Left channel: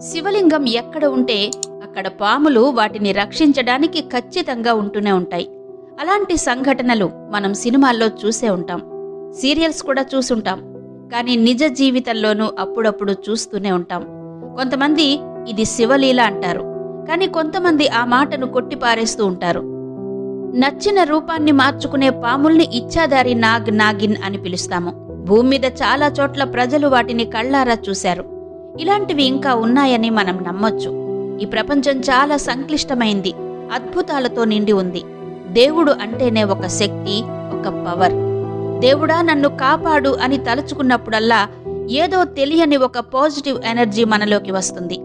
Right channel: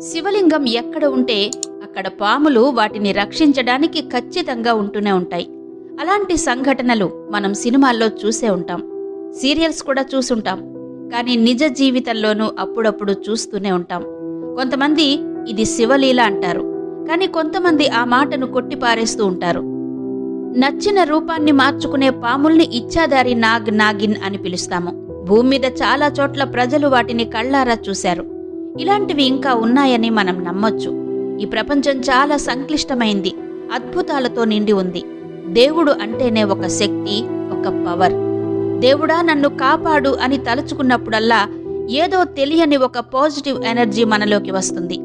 శివలింగం ఎక్కడ ఉంటే అక్కడ పాములు వాటిని రక్షించడానికి ఖచ్చితంగా ఉంటూనే ఉంటాయి. అలాంటి సంఘటనలు మనం సినిమాల్లో చూసే ఉంటాం. సీరియల్స్ కూడా చూసుంటాం. కానీ నిజ జీవితంలోనూ అప్పుడప్పుడు చూస్తూనే ఉంటాం. కొంతమంది ఇది శివలీల అంటారు. కానీ కొంతమంది ఆ మాటను కొట్టిపారేస్తూ ఉంటారు. నచ్చిన రూపాన్ని మార్చుకునే పాముల్ని ఇచ్చాదారి నాగ్ నాగిన్ అని పిలుస్తాము. భూమి మీద చాలా చోట్ల ప్రజలు వాటిని కళ్ళారా చూశారు. ఇలాంటివి ఇంకా ఉన్నాయని మనం నమ్మొచ్చు. ఈ ప్రపంచం చాలా సంక్లిష్టమైంది. అద్భుతాలతో నిండి ఉంది. దేవుడు అంటేనే ఒక శక్తి ఒక పవర్. దేవుడా నన్ను కాపాడు అని తలుచుకున్నప్పుడల్లా ఏదో తెలియని ఒక పాజిటివ్ ఎనర్జీ మనలోకి వస్తుంది.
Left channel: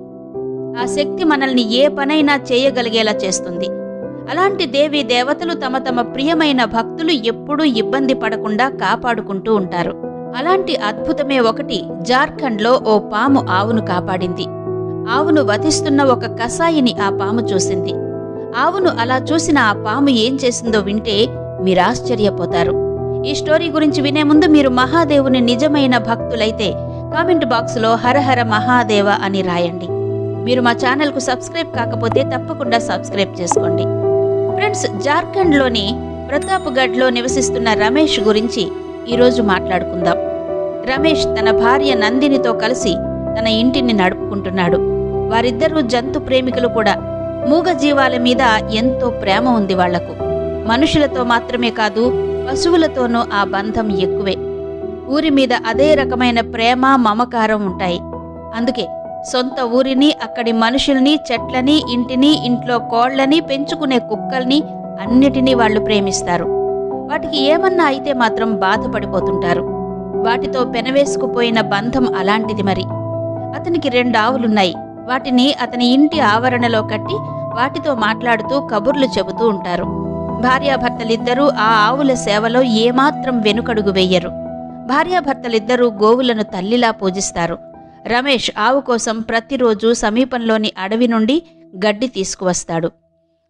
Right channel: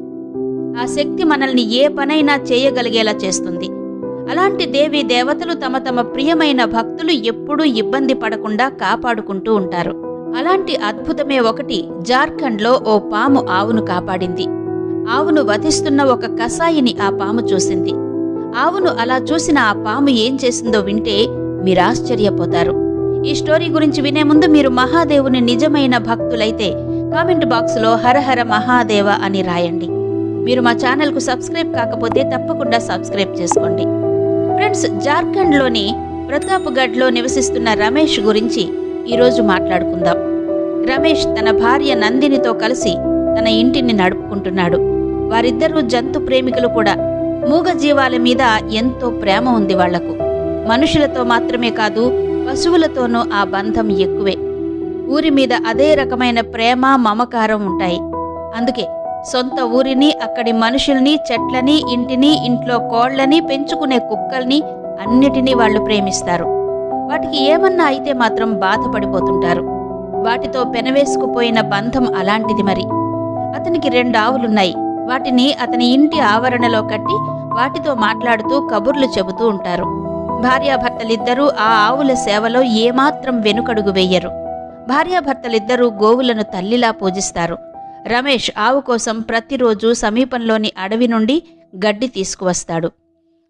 ఆ శక్తి మనల్ని ఏ పనైనా చేయగలిగేలా చేస్తుంది. అలాంటి దేవి దేవతలు తమ తమ ప్రియమైన భక్తులు ఎప్పుడూ ఇబ్బంది పడకుండా కాపాడుకుంటూ ఉంటారు. అలాంటి అద్భుతమే ఒకటి జార్ఖండ్లో ఓ పాము ఆవును కాపాడింది. ఆవును వధిస్తున్న ఒక కసాయిని ఆ పాము చూసింది. ఆవును అలా చూసిన ఆ పాము ఏం చేసిందో వింటే మీరాశ్చర్యపోతారు. ఈ స్టోరీ గురించి వినే ముందు మీరు మహాదేవుని నిజమైన భక్తులైతే కామెంట్ బాక్స్లో హరహర మహాదేవ అని రాయండి. మీరు మా ఛానల్కు సబ్స్క్రైబ్ కాకపోతే తప్పకుండా సబ్స్క్రైబ్ చేసుకోండి. ఫ్రెండ్స్ జార్ఖండ్లోని ప్రతాప్గఢ్లో నివసిస్తున్న రమేష్ గురించి ఈరోజు మాట్లాడుకుందాం. రమేష్ తన భార్య నందినితో కలిసి తన ఇంటిని నడుపుకుంటున్నాడు. వారిద్దరూ జంతు ప్రేమికులు కూడా. మూగజీవాల మీద ఎంతో ప్రేమ ఉంది వాళ్ళకు. మనుషులతో మాత్రమే కాదు పశువులతోనూ ఆ బంధం ఎక్కువే. ఊరి మీద అదే రకమైన ప్రేమ మమకారం ఉంటాయి. అందుకే సొంత ఊరిని అక్కడి మనుషుల్ని చెట్లని ఇంటిని ఇంట్లో కోళ్ళని పెంచుకునే కుక్కల్ని అన్నిటినీ వాళ్ళు ప్రేమిస్తారు. వాటికి ఏమన్నా అయితే మాత్రం బాధపడిపోతుంటారు. వాటితో పెనవేసుకుపోయిన బంధం అలాంటిది మరి. అతనికి రెండు ఆవులున్నాయి. వాటిని అతని ఇంటి ఆవరణలో కట్టి వాటితో మాట్లాడుతూ కబుర్లు చెబుతూ ఉంటారు. భార్యాభర్తలిద్దరూ ఆ ఆవుల సేవలో ఏమాత్రం వెనుకడుగు వెయ్యరు భార్యాభర్తలిద్దరూ గోవులను తల్లిలా పూజిస్తారు. రమేష్ ఆవు కోసం ప్రతిరోజు సమీపంలోని అడవి నుండి గడ్డి తీసుకువస్తాడు.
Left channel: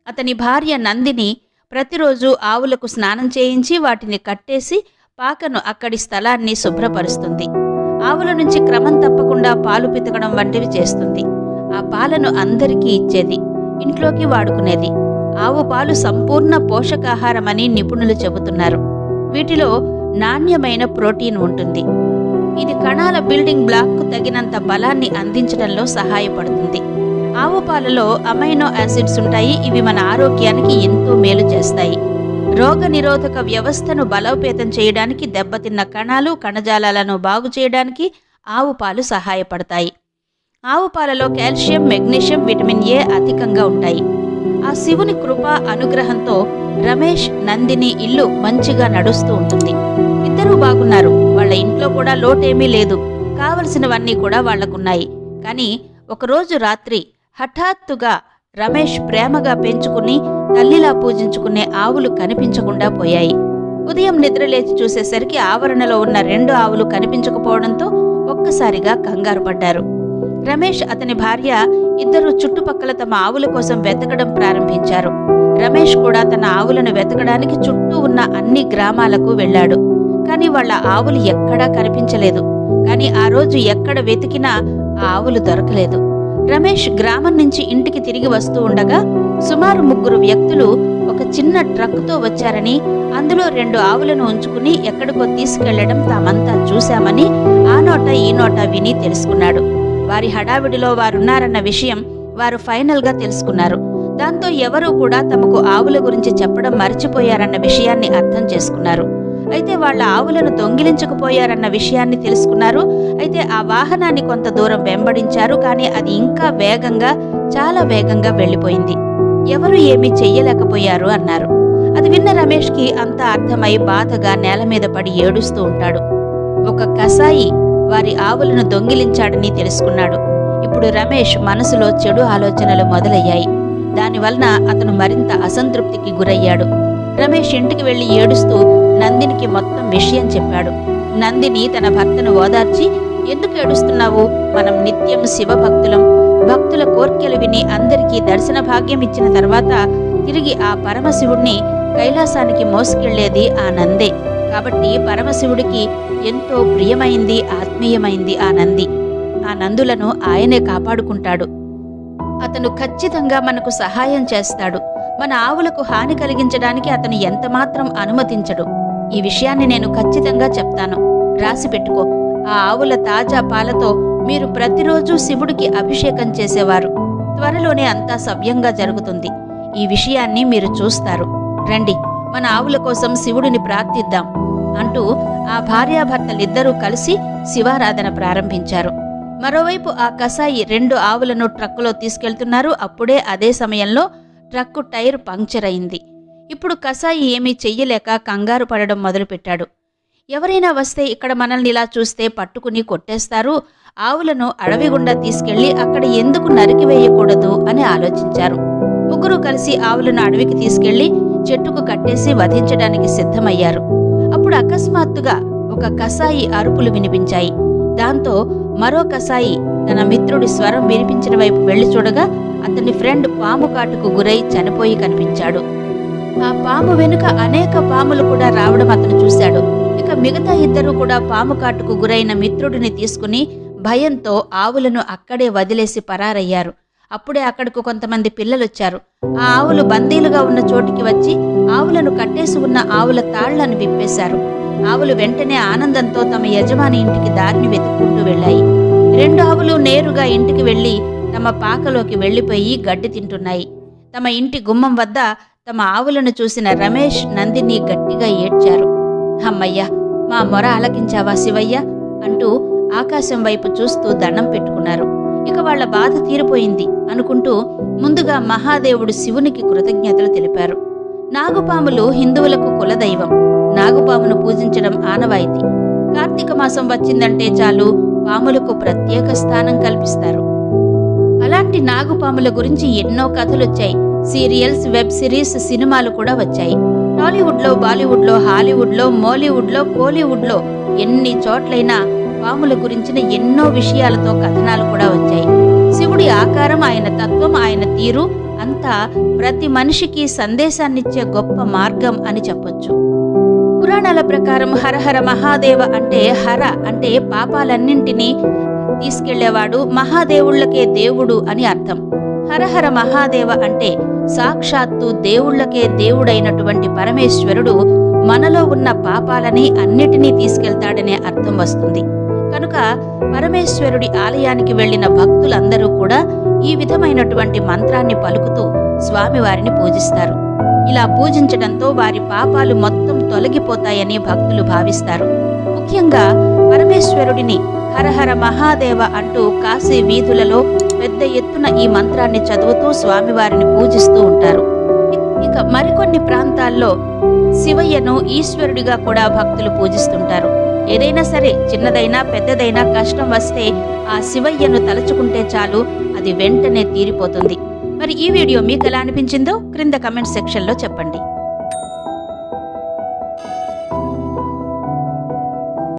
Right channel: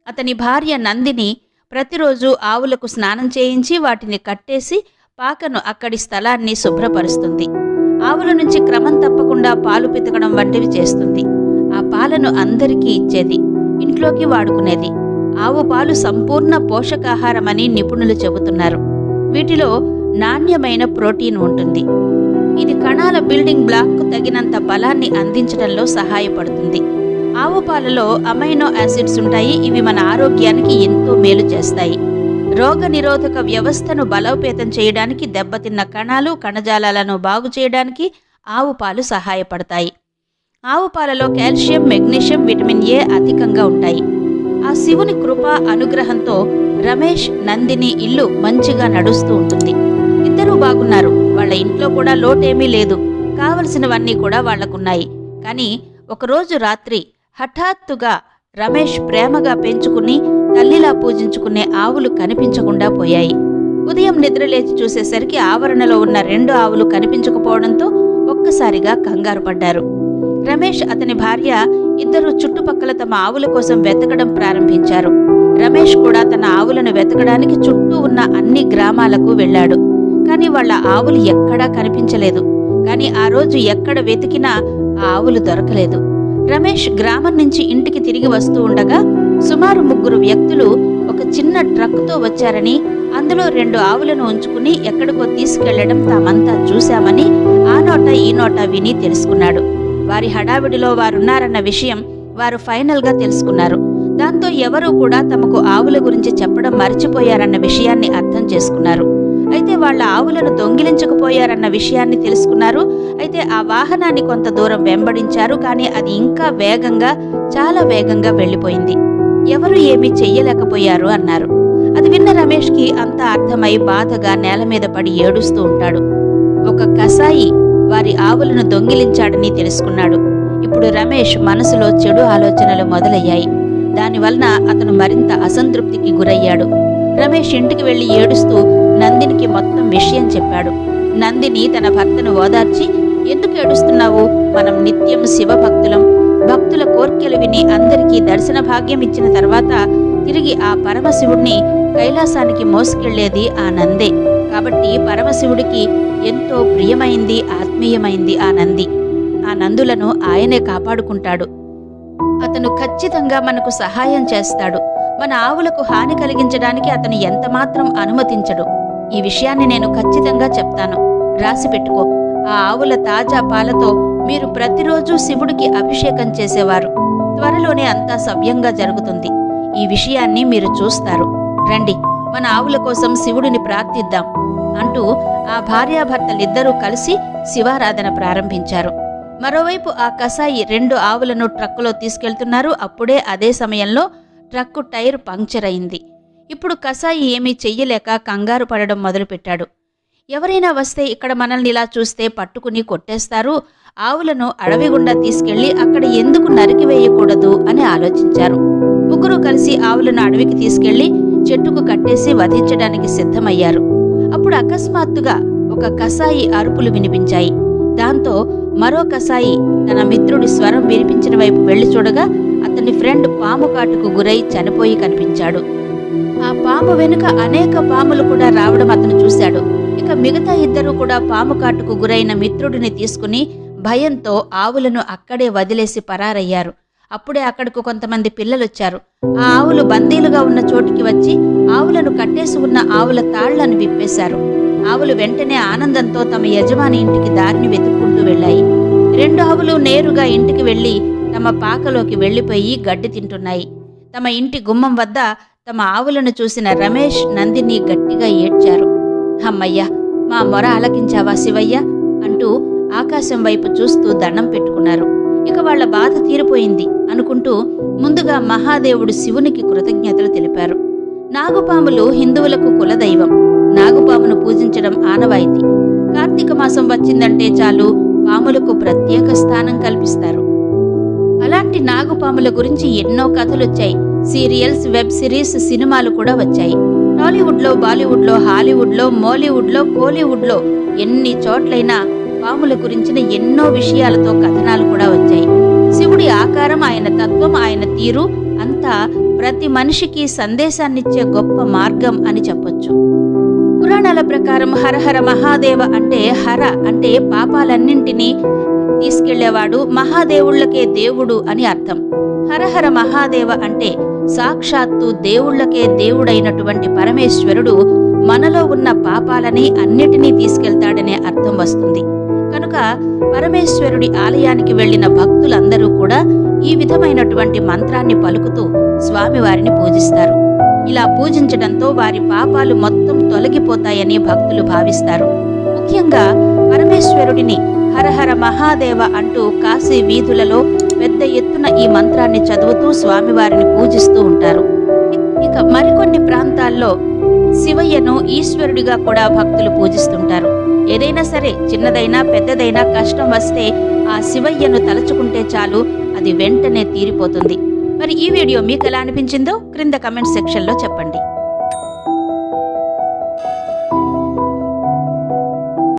అతని భార్య నందిని ప్రతిరోజు ఆవులకు స్నానం చేయించి వాటిని కట్టేసి పాకను అక్కడి స్థలాన్ని శుభ్రపరుస్తుంది. ఆవుల నుంచి క్రమం తప్పకుండా పాలు పితకడం వంటివి చేస్తుంది. ఆ పాలను అందరికీ ఇచ్చేది ఇంట్లోకి వాడుకునేది. ఆవు పాలు సంపూర్ణ పోషకాహారమని నిపుణులు చెబుతున్నారు. వీటిలో నాణ్యమైన ప్రోటీన్ ఉంటుంది. ఇది కణాల బిల్డింగ్ బ్లాక్కు తగినంత బలాన్ని అందించడంలో సహాయపడుతుంది. ఆవు పాలలో అమైనో యాసిడ్స్ ఉంటాయి. ఇవి మన ఆరోగ్యానికి ఎంతో మేలు చేస్తాయి. రోగ నిరోధక వ్యవస్థను బలోపేతం చేయడానికి దెబ్బతిన్న కణాలు కణజాలాలను బాగు చేయడానికి ఆవు పాలు సహాయపడతాయి. ఆవు పాలలో కాల్షియం మెగ్నీషియం విటమిన్ ఏ అధికంగా ఉంటాయి. ఆ శివుని కృప అనుగ్రహంతో రమేష్ నందిని ఇల్లు మంచిగా నడుస్తూ ఉంటుంది. ఇద్దరూ బాగున్నారు. వాళ్ళ ఇంట్లో కూడా లోటేమీ లేదు. కావలసినవన్నీ కూడా వాళ్ళకున్నాయి కానీ ఒకరోజు రాత్రి హఠాత్తుగా రమేష్ ప్రేమగా పెంచుకుని తల్లిలా పూజించుకునే ఆవులు కనిపించకుండా పోయాయి. ఉదయం నిద్రలేచి చూసేసరికి ఆవరణలో ఉన్న రెండు ఆవులు కనిపించకపోవడంతో ఒక్కసారిగా కంగారు పడ్డారు. రమేష్ అతని భార్య ఇద్దరు చుట్టుపక్కల తమ ఆవుల కోసం వెతకడం ప్రారంభించారు. రమేష్ కూడా తన ఆవులను వెతకడానికి చుట్టూ ఉన్న అన్ని గ్రామాలకు వెళ్ళాడు. కానీ వాళ్ళ ఆవులు ఎక్కడా కనిపించలేదు. కానీ ఆ రోజు ఎక్కడ వెతికినా ఆ ఆవులు దొరకలేదు. రమేష్ గ్రామం నుంచి ఇంటికి తిరిగి వస్తూ ఉండగా సుమారు ముగ్గురు వ్యక్తులు ఒక చిన్న ట్రక్కుతో వచ్చారని అందులో రెండు ఆవులను ఉంచుకుని ఎక్కడికో తీసుకెళ్ళడం తామంతా చూశామని ఆ నోట ఈ నోట విని తెలుసుకున్నాడు. వారి హడావిడిలో వారున్నారన్న విషయం వారు ఫైనల్గా తెలుసుకున్నారు. దాంతో ఎవరూ కూడా తమకు ఆవుల గురించి చెప్పడం మర్చిపోయారన్న విషయాన్ని అర్థం చేసుకున్నారు. అయితే వాళ్ళ ఆవులను దొంగిలించకపోయారన్న విషయాన్ని తెలుసుకున్నారు. అయితే ఆ వాహనాన్ని కొంత దూరం వెంబడించారు. కానీ అది ఇంకా వేగంగా చాలా వేగంగా వెళ్ళిపోయింది. ఎవరు ఏమీ చెయ్యలేకపోయారు అన్నారు. అది విన్న రమేష్కి అంతా అర్థమై బాధగా నేల మీద పడి ఏడుస్తూ ఉంటాడు. ఒక కసాయి వారి ఆవులను దొంగిలించాడని తెలుసుకున్నాడు. ఇప్పుడు రమేష్ మనసులో చెడు ఆలోచనలు మొదలయ్యాయి. దానివలన అతను మరింత అసంతృప్తికి గురయ్యాడు. రమేష్ ఇంటికి వెళ్ళి ఏడుస్తూ నందినికి మొత్తం విషయం చెప్పాడు. నందిని తన భర్తను ఓదార్చి ఎందుకు ఏడుస్తున్నావు? మనం నిత్యం శివభక్తులం. భక్తుల కోర్కెలు విని అందరికీ దర్శన భాగ్యం ఇచ్చిన తర్వాత తిరిగి ఆ పరమశివుణ్ణి కైలాసానికి మోసుకెళ్ళేది ఆ నందే. కాబట్టి పరమశివుడికి ఎంతో ప్రియమైంది ఆత్మీయమైంది ఆ నంది. ఆ నందులను ఆయనే కాపాడుకుంటాడు. అతను ఖచ్చితంగా మనకు సహాయం చేస్తాడు. మన ఆవులకు హాని కలిగించడానికి అతను ఎంతమాత్రం అనుమతించడు. ఈ విషయాన్ని నేను ఖచ్చితంగా చెప్తాను. రాసి పెట్టుకో. ఆ ఆవుల తాజా పాలతో మీరు ప్రతిరోజు శివుడికి అభిషేకం చేసేవారు. త్వరలోనే అంతా సవ్యంగా జరుగుతుంది. ఈ విషయాన్ని మీరు చూస్తారు. రండి మన ఆవుల కోసం శివుడిని ప్రార్థిద్దాం అంటూ ఆ భార్యాభర్తలిద్దరూ కలిసి శివారాధన ప్రారంభించారు. మరోవైపు ఆ కసాయి రెండు ఆవులను ట్రక్కులో తీసుకెళ్తున్నారు. అప్పుడే అదే సమయంలో ట్రక్కు టైర్ పంక్చర్ అయింది. ఇప్పుడు కసాయి ఏమీ చెయ్యలేక కంగారు పడడం మొదలుపెట్టాడు. ఎవరైనా వస్తే ఇక్కడ మనల్ని ఇలా చూస్తే పట్టుకుని కొట్టేస్తారు. ఆవులను అడవి గుండా తీసుకెళ్ళి అక్కడ ఎందుకు నరికివేయకూడదు అని ఆలోచించారు. ముగ్గురు కలిసి ఆవులను అడవికి తీసుకెళ్ళి చెట్టుకు కట్టేసి వధించడానికి సిద్ధమయ్యారు. అప్పుడు అకస్మాత్తుగా ఒక కసాయి అరుపులు వినిపించాయి. దాంతో మరో కసాయి తన మిత్రుడి స్వరం వినిపించిన వైపు వెళ్ళి చూడగా అతని ఫ్రెండ్ పాము కాటుకు గురై చనిపోయి కనిపించాడు. ఆ పాము వెనుక అనేక పాములు కూడా రావడం అతను చూశాడు. ఇక మిగతా ఇద్దరు కూడా పాము కాటుకు గురైన మిత్రుడిని తీసుకుని భయంతో ఆవులను అక్కడే వదిలేసి పరారయ్యారు. అప్పుడే అక్కడకు కొంతమంది పిల్లలొచ్చారు. ఆ ఆవులు బందీలుగా ఉన్న చోటికి వచ్చి ఆవులను కట్టేసి ఉన్న ఆవుల తాళ్ళను విప్పేశారు. ఆవులు వెంటనే ఆనందంతో తమ యజమాని ఇంటికి దారిని వెతుక్కుంటూ వెళ్ళాయి. రెండు ఆవులు నేరుగా ఇంటికి వెళ్ళి తమ పాకలోకి వెళ్ళిపోయి గడ్డి తింటున్నాయి. తమ ఇంటి గుమ్మం వద్ద తమ ఆవులను చూసిన రమేష్ నందిని గట్టిగా ఏడ్చారు. అమ్మయ్యా మా మొర ఆలకించావా శివయ్య? అంటూ ఆకాశం వైపు చూస్తూ దండం పెట్టుకున్నారు. ఇక వాళ్ళ బాధ తీరిపోయింది అనుకుంటూ ముందుగా మహాదేవుడు శివునికి కృతజ్ఞతలు తెలిపారు. నాగుపాములు హిందువులకు కులదైవం. నాగుపామును పూజించడం ఆనవాయితీ. కార్తీక మాసం వచ్చిందంటే చాలు పాములకు ప్రత్యేక స్థానం కల్పిస్తారు. అలాంటి నాగుపాముల గురించి ఎన్నో కథలొచ్చాయి. సీరియల్స్ వెబ్ సిరీస్ సినిమాలు కూడా వచ్చాయి. టాలీవుడ్లో బాలీవుడ్లో హాలీవుడ్లో మోలీవుడ్లో కోలీవుడ్లో ఎన్ని చోట్లైనా పాముల గురించిన ఎన్నో విషయాలతో కథనాలు కూడా వచ్చాయి. శివుడి ఆకారం ఆయన తత్వం ఆయన తీరు అంతా ప్రతి మనిషికి సందేశాన్నిచ్చే గొప్ప మార్గం అని చెప్పొచ్చు. పురాణాల ప్రకారం హరహర మహాదేవ అంటే హర అంటే పాపాలన్నింటినీ తీసుకెళ్ళేవాడు మహాదేవుళ్ళకే దేవుడు అని అర్థం. హరహర మహాదేవ అంటే సాక్షాత్తు దేవుళ్ళకే దేవుడైనటువంటి పరమేశ్వరుడు మనలో ఉన్న పాపాలని అన్నిటినీ తీసుకెళ్తాడనే అర్థం వస్తుంది. కనుక పరమేశ్వరుడి ఆలయానికి వెళ్ళిన భక్తులందరూ కూడా ఈ విధమైనటువంటి మంత్రాన్ని పలుకుతూ స్వామివారిని పూజిస్తారు. ఇలా పూజించడంతో వారి పాపాలు మొత్తం తొలగిపోతాయని భక్తులు భావిస్తారు. ముఖ్యంగా పరమేశ్వరుడిని హరహర మహాదేవ అంటూ కాశీ వీధులలో పెద్ద ఎత్తున ఈ మంత్రాన్ని చదువుతూ స్వామివారిని పూజిస్తూ ఉంటారు. ఇక మరికొన్ని ప్రాంతాల్లో శివయ్యను ఈశ్వరుడిగా కూడా భక్తులు పూజిస్తుంటారు. ఏదైనా సరే చిన్నదైనా పెద్దదైనా కష్టం వస్తే ఆ శివయ్యను తలుచుకుంటే చాలు అది వెంటనే తీరిపోతుంది. మరి ఈ వీడియో మీకు ఎలా అనిపించిందో క్రింద కమెంట్ సెక్షన్లో చెప్పండి.